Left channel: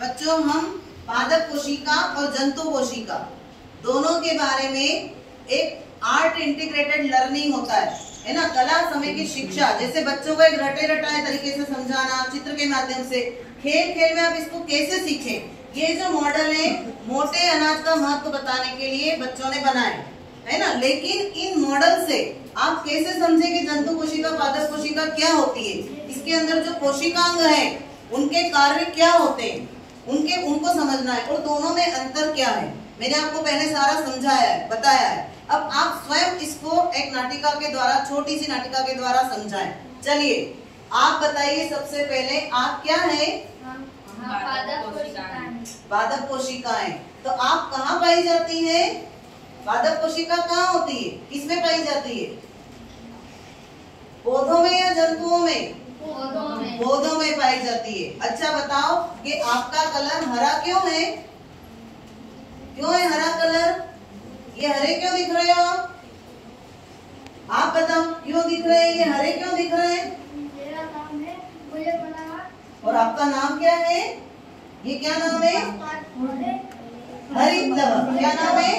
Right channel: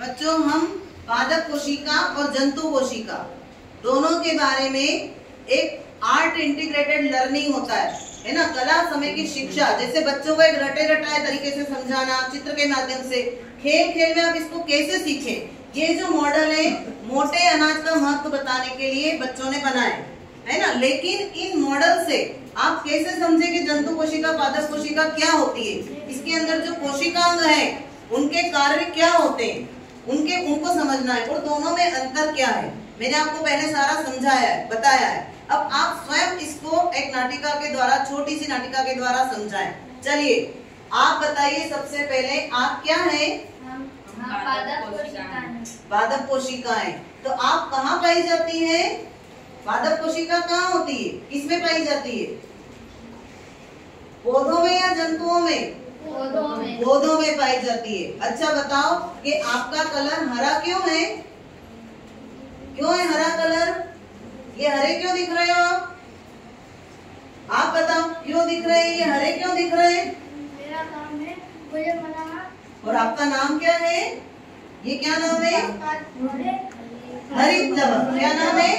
बच्चों हम पादप कोशिका और जंतु कोशिका दोनों के बारे में एक आर्ट इंटीग्रेटेड लर्निंग होता है ना, कला समय की शिक्षा। जैसे बच्चों को एक रटे रटाए तरीके से समझाना, चित्र के माध्यम से, खेल खेल में आप इसको कैसे सीखें, ये जो मॉडल है मोटे अनाज का महत्व बताने के लिए बच्चों ने बनाए है ना। लेकिन इन मॉडल से आप कैसे समझे कि जंतु कोशिका पादप कोशिका क्या होती है, इसके अंदर जो कोशिकांग है उनके कार्य क्या होते हैं, उनको समझना है और दोनों में अंतर क्या है। मैंने आपको पहले सारा समझाया है, बताया है। अब आप स्वयं इसको एक नाटिका के द्वारा, छोटी सी नाटिका के द्वारा समझाएं। चलिए आप बताइए सबसे पहले, आप क्या है? पादप कोशिकाएं। तो आप कहाँ पाई जाती है? पादप कोशिका कहाँ होती है, किसमें पाई जाती है? पौधों में या जंतुओं में? पौधों में पाई जाती है। अच्छा बताओ कि आपका कलर हरा क्यों है? क्यों है हरा कलर? ये हरे क्यों दिख रहे हो आप बताओ, क्यों दिख रहे हैं ये हरे, क्यों दिख रहे हैं? मेरा नाम है मुझे बनाना। और आपका नाम क्या है? ये क्या नाम है? हरित लवक। क्या नाम है?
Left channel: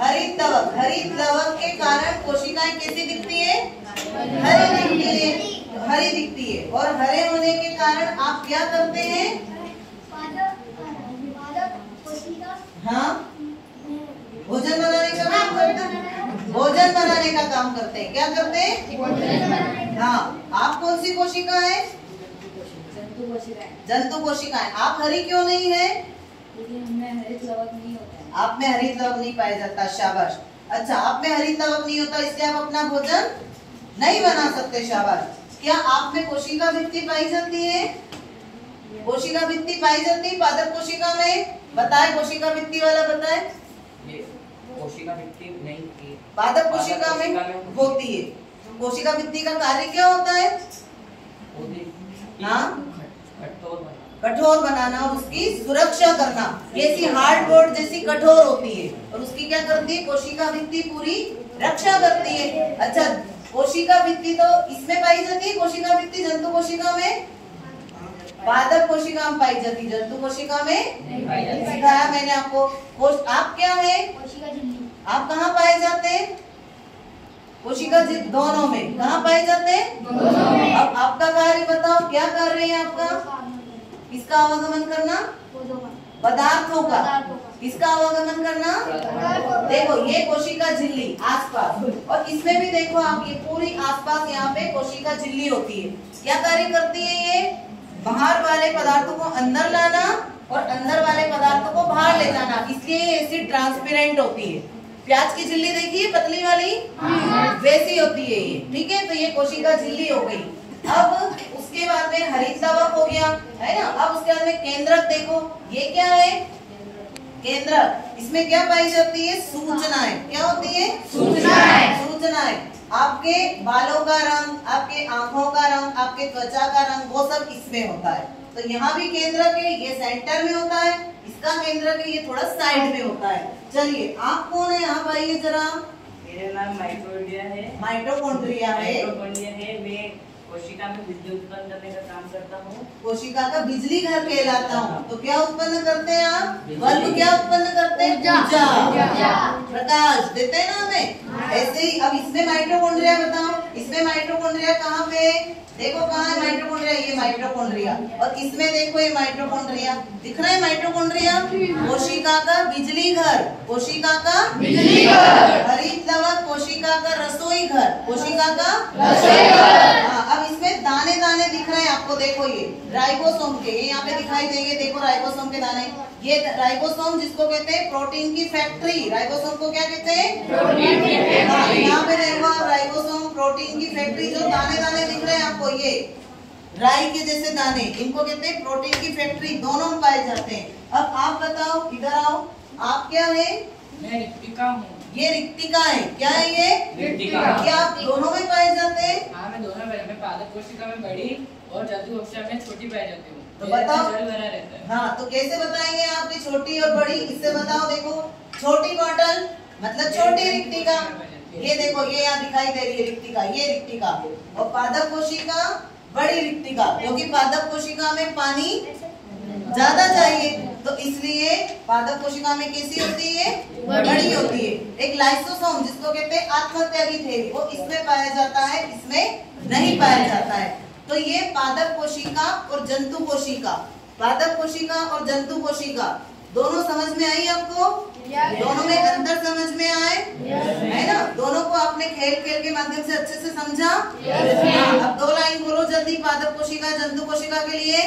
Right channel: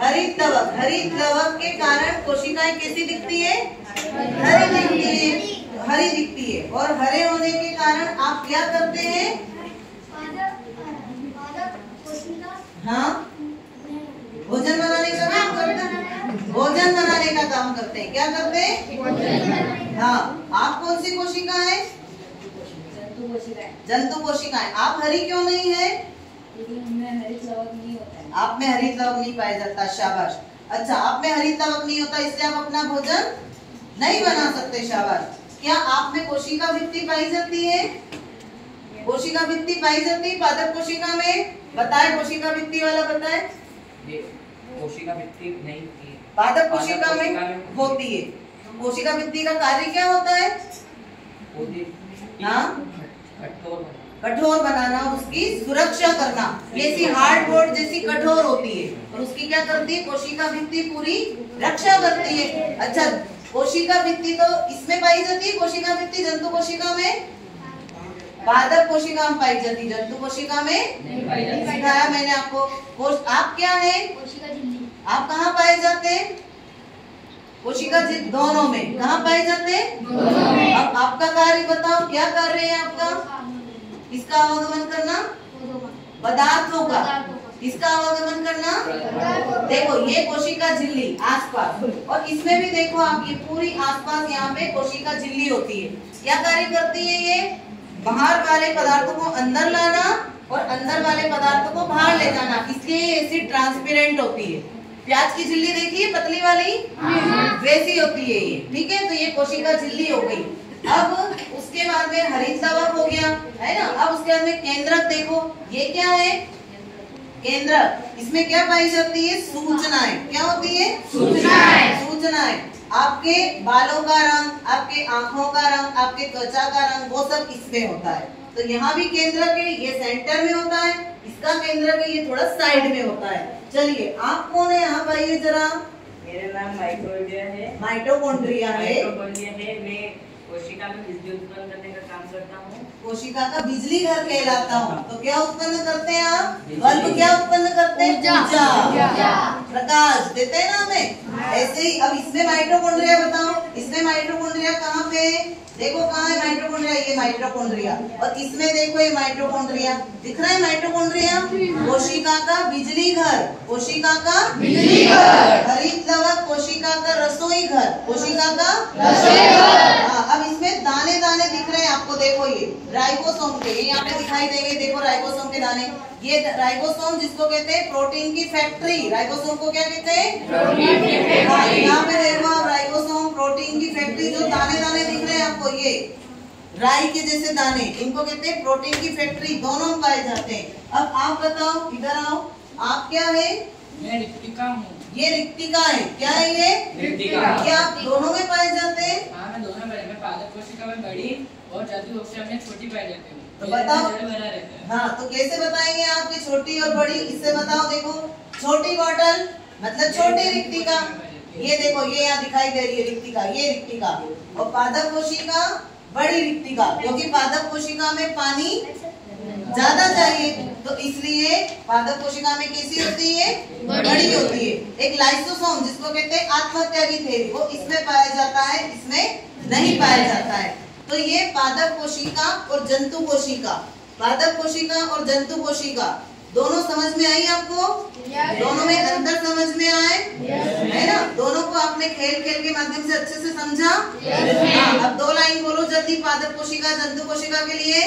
हरित लवक। हरित लवक के कारण कोशिकाएं कैसी दिखती है? हरी दिखती है, हरी दिखती है। और हरे होने के कारण आप क्या करते हैं? हाँ, भोजन बनाने का काम करते हैं। भोजन बनाने का काम करते हैं। क्या करते हैं? हाँ, आप कौन सी कोशिका है? जंतु कोशिकाएं। आप हरी क्यों नहीं है? हरित लवक नहीं होता है। आप में हरित लवक नहीं पाया जाता। शाबाश। अच्छा, आप में हरित लवक नहीं होता, इसलिए आप अपना भोजन नहीं बना सकते। शाबाश। क्या आप में कोशिका भित्ति पाई जाती है? कोशिका भित्ति पाई जाती है पादप कोशिका में? बताए, कोशिका भित्ति वाला बताए। कोशिका भित्ति नहीं थी, पादप कोशिका में होती है। कोशिका भित्ति का कार्य क्या होता है? हाँ, कठोर बनाना, उसकी सुरक्षा करना। जैसी हार्डबोर्ड जैसी कठोर होती है और उसकी क्या करती है? कोशिका भित्ति पूरी रक्षा करती है। अच्छा, कोशिका भित्ति तो इसमें पाई जाती है, कोशिका भित्ति जंतु कोशिका में, पादप कोशिका में पाई जाती है, जंतु कोशिका में नहीं। सिखाया मैंने आपको। आप क्या है? आप कहाँ पाए जाते हैं? कोशिका दोनों में। कहाँ पाए जाते हैं? दोनों में। अब आपका कार्य बताओ, क्या कार्य है आपका? इसका आवागमन करना, पदार्थों का। इसका आवागमन करना, देखो ये कोशिका झिल्ली आसपास, और इसमें भी देखो आप, ये पूरी आसपास यहाँ पे कोशिका झिल्ली होती है। क्या कार्य करती है ये? बाहर वाले पदार्थों को अंदर लाना और अंदर वाले पदार्थों को बाहर ले जाना। इसलिए ये ऐसी ट्रांसपेरेंट होती है। प्याज की झिल्ली देखिए, पतली वाली, वैसी होती है ये। ठीक है, तो ये कोशिका झिल्ली हो गई। अब उसके बाद में हरित लवक हो गया, है ना। अब उसके बाद में केंद्रक देखो, ये क्या है? केंद्रक। इसमें क्या पाई जाती है? सूचनाएं। क्या होती है? सूचनाएं। आपके बालों का रंग, आपके आंखों का रंग, आपके त्वचा का रंग, वो सब इसमें होता है। तो यहाँ भी केंद्रक है, ये सेंटर में होता है। इसका केंद्रक है, ये थोड़ा साइड में होता है। चलिए आप कौन है यहाँ पाइए जरा। मेरा नाम माइटोकॉन्ड्रिया है। माइटोकॉन्ड्रिया है। मैं कोशिका में बिजली उत्पन्न करने का काम करता हूँ। कोशिका का बिजली घर कहलाता हूँ। तो क्या उत्पन्न करते हैं आप? बल्ब क्या उत्पन्न करते हैं? ऊर्जा, प्रकाश देते हैं ना हमें। ऐसे ही अब इसमें माइटोकॉन्ड्रिया बताओ, इसमें माइटोकॉन्ड्रिया कहाँ पे? देखो कहाँ है माइटोकॉन्ड्रिया? ये माइटोकॉन्ड्रिया। और इसमें देखो ये माइटोकॉन्ड्रिया दिख रहा है। माइटोकॉन्ड्रिया कोशिका का बिजली घर, कोशिका का बिजली घर। हरित लवक कोशिका का रसोई घर, कोशिका का रसोई घर। अब इसमें दाने दाने दिख रहे हैं आपको, देखो ये राइबोसोम के, ये यहाँ पे दिखाई देंगे। देखो राइबोसोम के दाने, ये राइबोसोम जिसको कहते हैं प्रोटीन की फैक्ट्री। राइबोसोम को क्या कहते हैं? यहाँ पे देखो आप, राइबोसोम प्रोटीन की फैक्ट्री। जो दाने दाने दिख रहे हैं आपको, ये राई के जैसे दाने, इनको कहते हैं प्रोटीन की फैक्ट्री। दोनों पाए जाते हैं। अब आप बताओ, इधर आओ, आप क्या है? मैं रिक्तिका हूँ। ये रिक्तिका है। क्या है ये? रिक्तिका। क्या आप दोनों में पाए जाते हैं? हाँ, मैं दोनों में, पादप कोशिका में बड़ी और जंतु कोशिका में छोटी पाई जाती हूँ। तो बताओ। रहता है। हाँ, तो कैसे बताएंगे आपकी छोटी और बड़ी? इससे बताओ। देखो छोटी बॉटल मतलब छोटी रिक्तिका। ये देखो, ये यहाँ दिखाई दे रही है रिक्तिका, ये रिक्तिका। और पादप कोशिका बड़ी रिक्तिका, क्योंकि पादप कोशिका में पानी ज्यादा चाहिए, तो इसलिए पादप कोशिका में कैसी होती है, बड़ी होती है। एक लाइसोसोम जिसको कहते हैं आत्महत्यागी थैली, वो इसमें पाया जाता है, इसमें नहीं पाया जाता है। तो ये पादप कोशिका और जंतु कोशिका, पादप कोशिका और जंतु कोशिका दोनों समझ में आई आपको? दोनों में अंतर समझ में आए है ना? दोनों को आपने खेल खेल के माध्यम से अच्छे से समझा? अब 2 लाइन बोलो जल्दी पादप कोशिका जंतु कोशिका के लिए।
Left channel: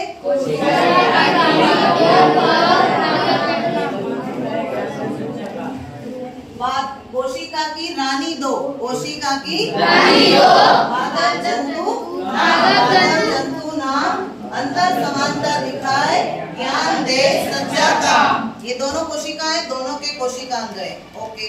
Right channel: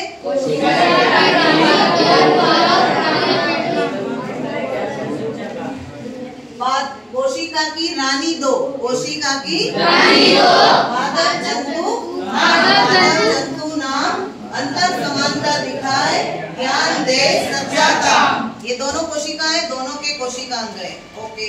कोशिका की रानी 2, कोशिका की रानी 2, पादप जंतु नाम अंतर समानता दिखाए, ज्ञान दे सच्चा काम। ये दोनों कोशिकाएं, दोनों के कोशिकांग है। ओके।